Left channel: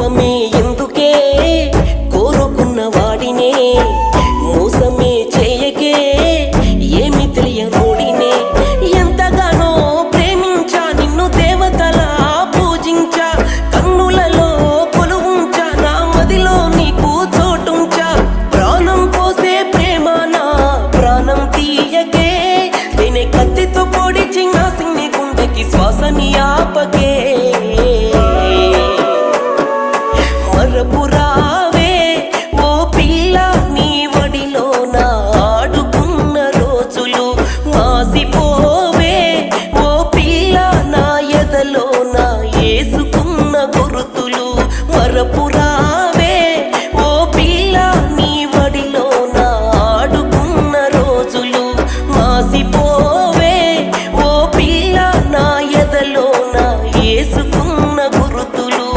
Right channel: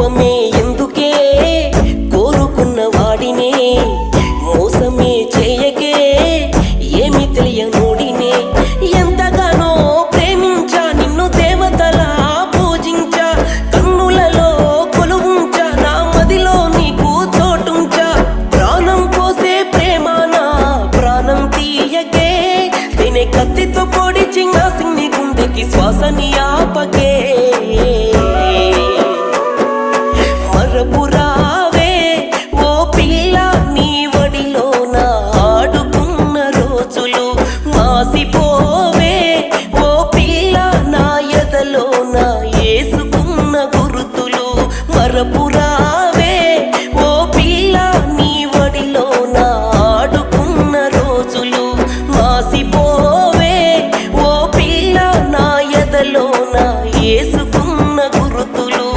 కోపమే ఎందుకే, కోరుకున్న వాడినే మోసమే చేయకే, ఏమి తెలియనోడినే. ఎంతగానో ప్రేమించా నిన్ను, దేవతలా పూజించా, కన్నులలో కొలువుంచా, నా మదిలో నీకు చోటుంచా. ప్రాణం పోసే ప్రేమ నా ప్రాణం తీయకే, తినే కత్తితో పొడిచి నా సిన్ని గుండెకి శ్వాసని ఆపకే. మరపురావే ఓ పిల్ల, నీ వడిలో నా ఆడుకున్న రోజులు మాసిపోవే ఓ పిల్ల, నా ఎదలో నా ఏసుకున్న గుర్తులు. మరపురావే ఓ పిల్ల, నీ వడిలో నా ఆడుకున్న రోజులు మాసిపోవే ఓ పిల్ల, నా ఎదలో నా ఏసుకున్న గుర్తులు.